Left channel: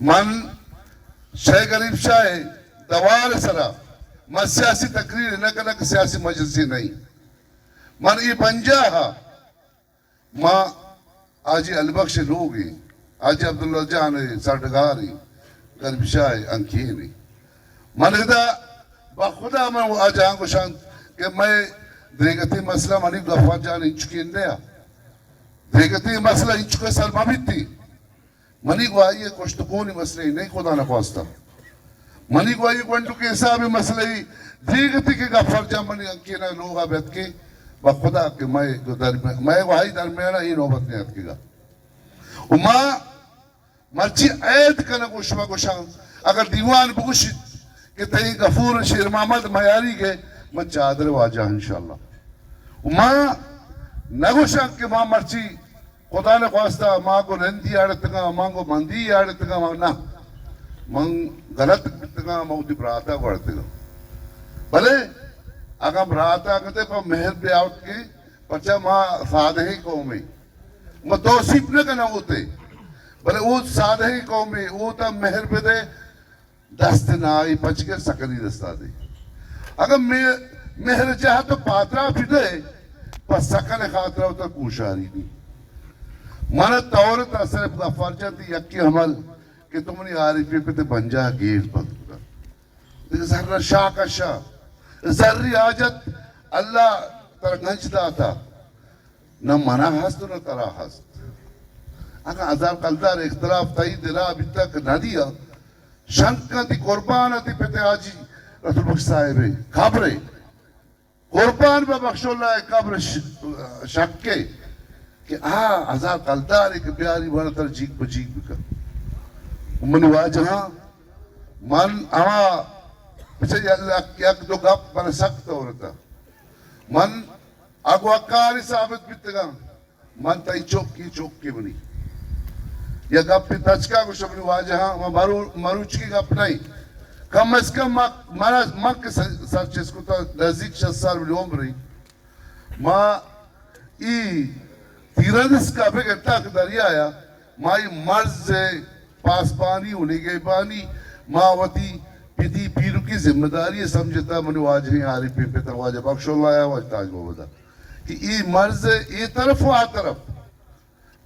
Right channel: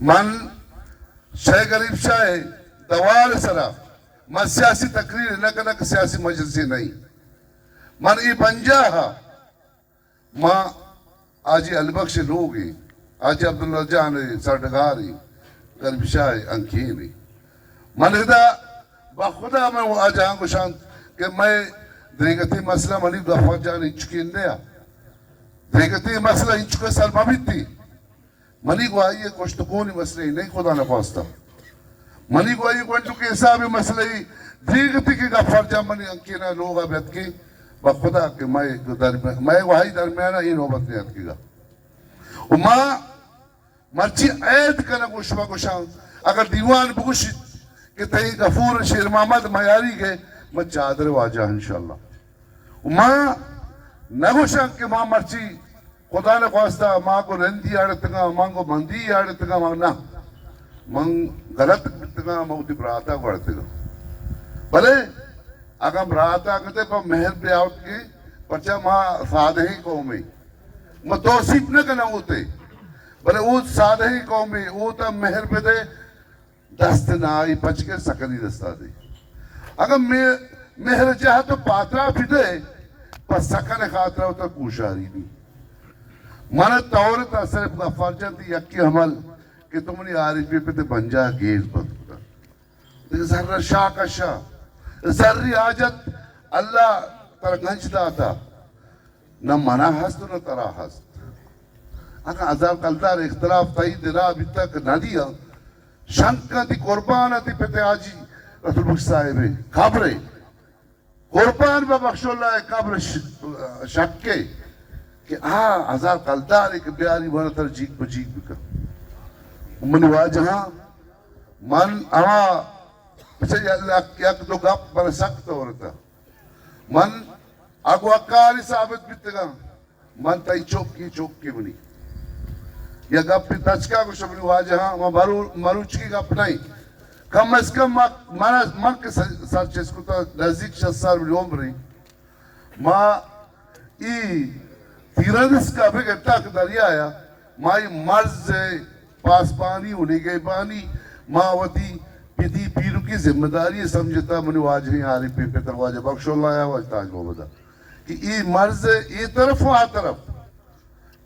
من شیخ غریب شاہ دوال سرا من سیاسی تقریر نہ کرنا کہ سیاسی مجلسی نہیں من ای بنجا ہا ماں آجی البخش لوگی آجی عبداللہ جان ساٹھگاری غریب شاہ انکینی من خدا بخدا میں وہ آج آنکو شان کہ میں دیگتی مسئلہ منی غفار جان انچکین دیا دیگتی مسئلہ انچکے سلمہ بھی تھی منی کو آئیے کشتکونی مسئلہ ہی نہیں خدا نہ خواستہ منی کو آئیے کنٹو کے حسابی مسئلہ ہی دیگتی کی غفار جان منی انکینا لوگا بیت کی بخدا کہ میں وہی درمیانہ ہی نوبت نیت کی گا ماں مرچی عید کرنے کو شما کو شان اگر دیوان بگوشید کہ تہی غفور شیر محمد میاری گئے میں چادر واجہ انشاءاللہ ماں نگوشن کہ ماں مرچی خدا نے خواستہ ماں کو رندی آڑتگا ماں کو مندی آڑتگا ماں نا من غلط بتگا موتی براتا بڑھتگا بلے اگر براتا کہتے پا مہر پہ آؤٹ کی پچھا ماں سادہ ہی قومی میں توصیف نہ کرنا ہوتے بلے وہ سادہ ہی قومی وہ تا مہر پہ دے دست نائی پچ کے سکنی دستا دے اگر مہر جہاں تو پاترہ پھٹے پس سکن خاطرہ ہوتا کوشاری نہیں مانا تورت صرف غفار جاتی یکی عمل کہ تم نے عارفی پہ تے بنجا گیز بند کر ذرہ شاہ کا شاہ ذری آجت اللہ ترگنج داتا نہ منع ہست نہ ترا ہست اگر عذاب کلدار اختلاف تائی دلا ابھی تک نہ دیا شنکا دی قربانا دی پتے آجی رسول بخش صاحبے خبرے قربان با بخش اللہ قبر شکے کہ عذاب کلدار ایک بیاری بھر تر جیگ بجیگ بکر منی واجہاں من اما پچھے اللہ یک دو گپ پر سخت ہو رہتا من اگو اکاری ثابت بیتگا من تائی چوکی بنی یا گپ پی تچکا کو شبنی واجہاں وہ مروچ کی گپ نہیں کم از کم ماں کے ساتھ چیز کو تا نزدیک 60 سال ملی عمری ماں ای تیرانس کا بھی گھٹا کہ دریا آیا ماں ای مرز پاس پانی انہی گئی پانی ماں وطی پیتی پیرو کی ذمہ داری سمجھتا منی واجہی آری پی پی تر واجہ بخش اللہ آیا واجہ تاج بابدا کہ ای مرز ای طرف و آ طرف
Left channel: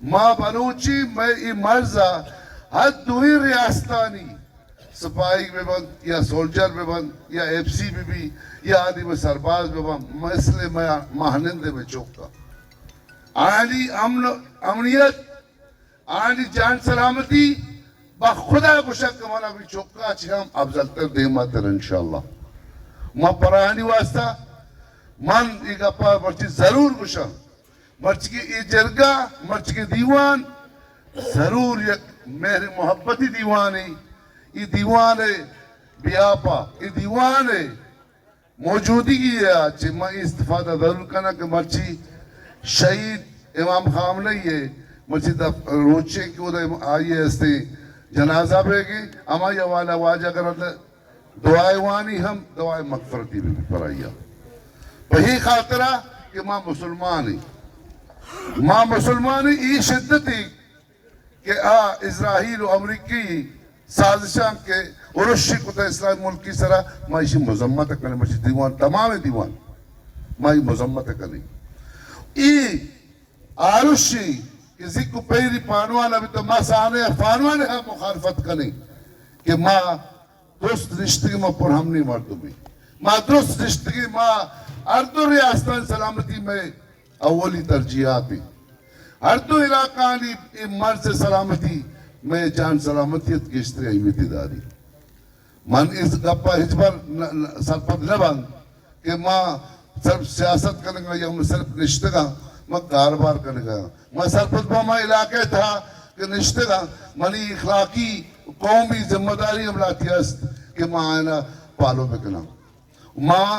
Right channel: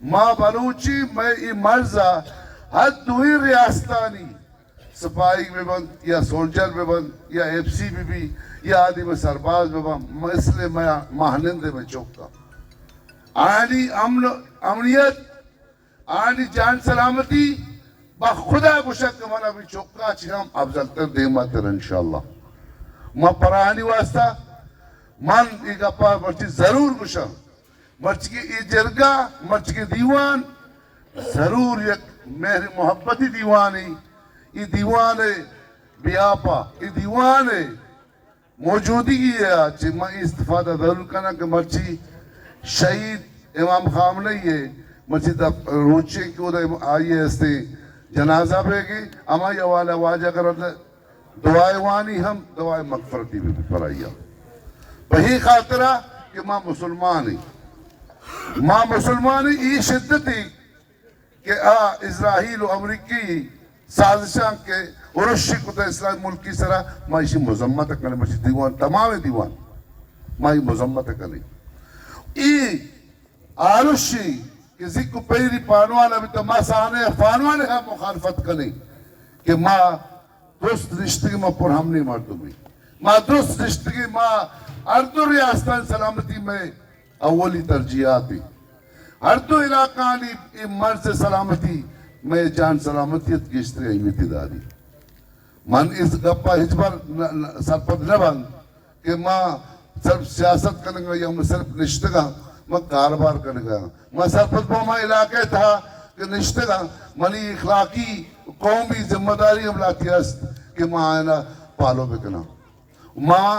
ماں بلوچی میں ای مرزا حد دوئی ریاستانی سپاہی میں بند یا سولجر میں بند یا ایف سی میں بھی یا آدھی میں سرباز میں بند میں اس لئے میں مہنندے میں چوکتا آنی امنیت آنی جان سلامتی بخدا گشک منا بھی چوکا چی ہم افضل تر دیما تر انشاءاللہ ماں پرانی واسطہ من ایک اپا مرچی ضرور گشک مرچ کی ای جرگا مرچ کی دیوان ضرور یک میری محبتی دیوانی ای دیوان بیاپا ای دیوان موجودی کی ہے چی میں استفادہ ضرور کرنا کہ مرچی شہید امام خامنی ہے مرچی روچے کیوں دے آئیے استے جنازہ بے گی اما یہ والا واجہ کرتا دعائے وانی ہم دعائے مغفرتی بھی پڑھائیا بہی خاطرہ کہ ماں مسلمانی ماں مسلمانی ای شدتی کہ اسرائیل و امریکی سازشاں کے ارشی کتا اسرائیل ملکی سرا ماں ایشی مذمت کرنے مرچی دیوان تمام دیوان ماں ای مذمت کرنے ای آرشی کہ ذکر پیری پانوانا بھی تو ماں سانے پانوانے ہاں مخالفت کرنے کہ ماں درست رشتگی ماں پر ہم نہیں مردوں میں ماں درست رشتگی ماں اردو ریاستان سلامتی میں اولی ترجیحاتی ہر دو علاقانی مرز سلامتی میں جان سلامتیت کی اشتری اہمیتی داری من اس گپا ہجبر سرپت نہ بند کہ ماں صرف سیاست کرنے گا یا میں صرف نشتے گا میں کاروبار کرنے گا میں سرپت با میں علاقے تھا کہ نشتے گا منی اخلاقی قومی ذمہ داری ہم لاتی است کہ ماں آئینہ پالو بکنا ماں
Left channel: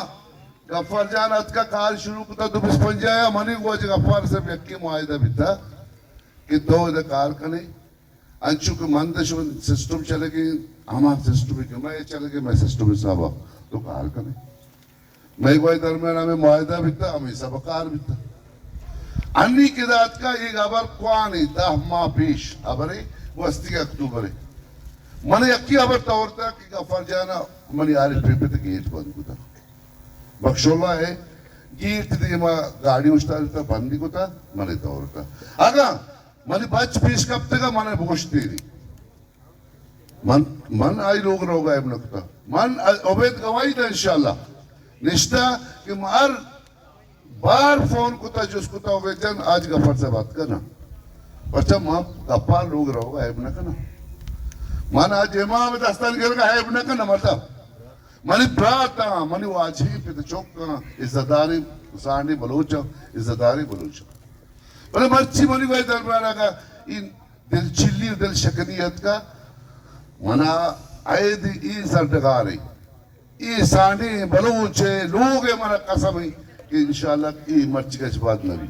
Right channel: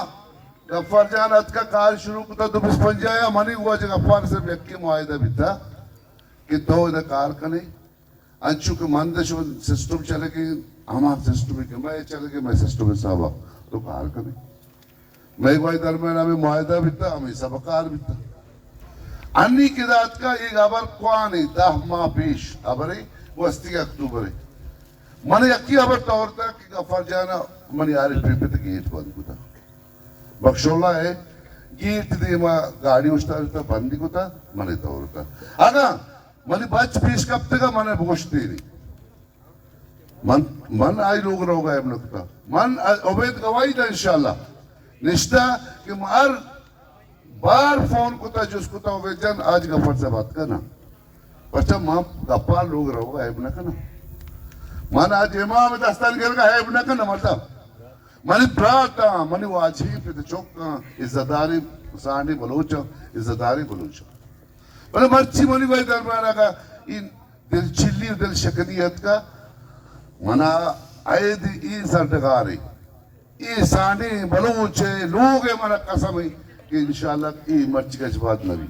غفار جان ات کا کار شروع کتا تو بس پنجایا منی ہوا جو غفار سے بیکی معاہدہ بھی تھا کہ دو ادھا کار کنے انچو کہ مندش سسٹم چلے گئے ہمارا سسٹم کہ میں چلے گئے میں سسٹم صاحبہ تو کار کنے میں کوئی درمیان ہمیں معاہدہ بھی تھا ہمیں سب کار بھی تھا انی کی ذات کا ایک عبر کوانی 10 ماہ پیش عبری وہ استی اکتوبر ہے من یکی ابر طورتا کہ غفر جانا من یاری پیپت گیٹ بند کتا بخشولا ہے گیٹ دیما گاڑی اشتارتا بندی کتا من طورتا آگا من بچ پیش کب تکا من بوش دیری من آئی لوگ رو گئے نکتا من عبید گواہی دا انشاءاللہ نشتا کہ ہر بار فون کتا جس کتا عبید جان آج غفر سے بات کرنا بچہ ماں گپا لوگ رو گئے ابن کنا من آج امام دستان گر گئے ابن کنا مرتا منی براتا منی واجہی پہ چوکا عزتداری سانی بلوچا عزتداری بلوچا بلے مرچی منی کوئی دربارہ کا دل چلی دل شکنیت کا منا عید ای سرٹگاری ای سانی بلوچے لوگ منا قسمی کہ انشاءاللہ ای مرچی کا جباد نبی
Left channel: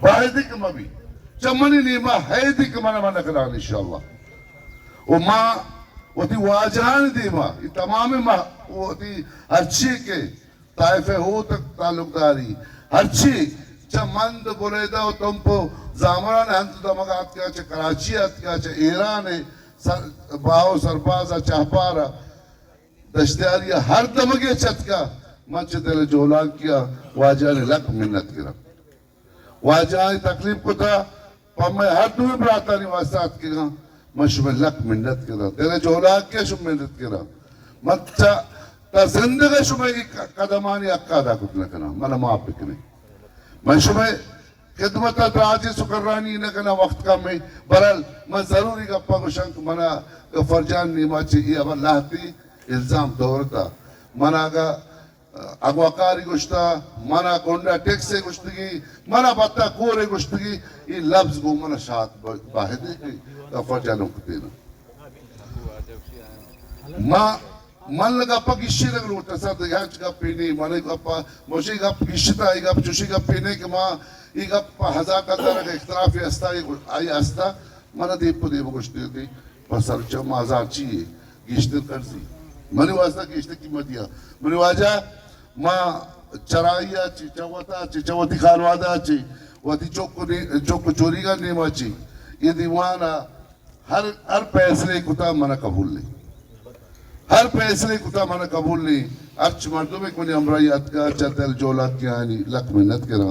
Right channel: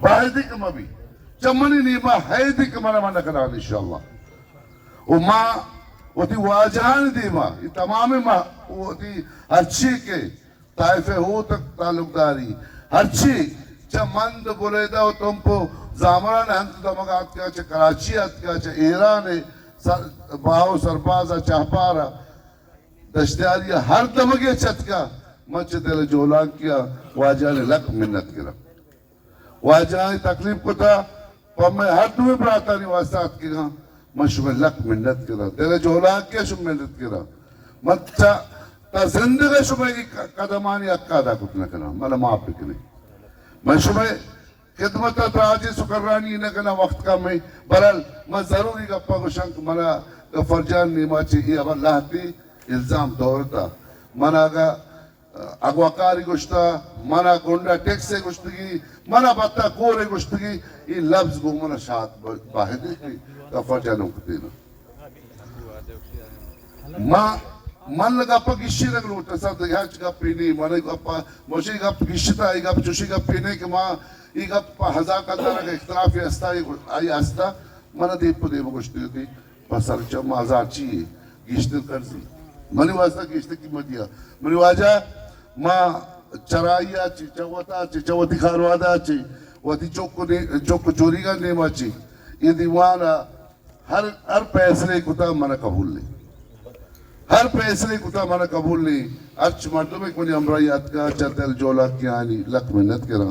باہدی کم ابھی چمنی نیمہ حیدی کمنا منا کران انشاءاللہ وما وتی واجہان دیما یہ تمام وتی ہرچی کے طائفہ ہو تک تعلق داری ہرچی چمند بریدہ و تم پو زامران ہنس دمگات کیا چھے کراچی ہت کیا چھے ایران باہو سربازہ چاہپارا دشتیاری ہر دمگے چت کا مچ دل جولان کیا واجہ نے لک منت کرا واجہ تکلیف کو تھا پمیں ہر دوئے براتانی واسطات کی گا مشمع لک منت کرا دل جولان کیا شم منت کرا مچا تا زندگی شمع کی قدمانی اکادا کتنا کرا منا معاف بکنے میں شمع خدمت راجی سکرانی نکنا وقت کا میں برال میں ضروری گپا گشنک منا فرجان نیما چیئی اب اللہ تی الزام دورتا منا گا اگواکاری گشتا منا کنڈا ٹیکسے گشتگی منا بطا کورے گشتگی یہ لفظ گو منا شاعت باہدے کہ فرجانوں کو دینا من لگا پا گشی لگ روٹا سا دیانچ گا پینی منا گا مجھے گا گشتا آئی گا چوشی گا پینی کہ ماں یہ گا ہزا قدر کا اختلافی استا آئی استا منا دیپ دیو گشتی ہوتی پسر چم آزار چیئے گشت کرزی منی واسطہ گشت کی مدیا منی واجہ ماں چرائیا چی چوتا چی چوتی خاروادا چی واتی چوک چوری گا نیما چی یہ دیوانا ہر پیسرے کتا منا قبول لی ہر پیسرے کتا منا قبول لی اچھ مردوں میں کنی امرائیات کا چا دل جولا کیا آنی لک منت کرا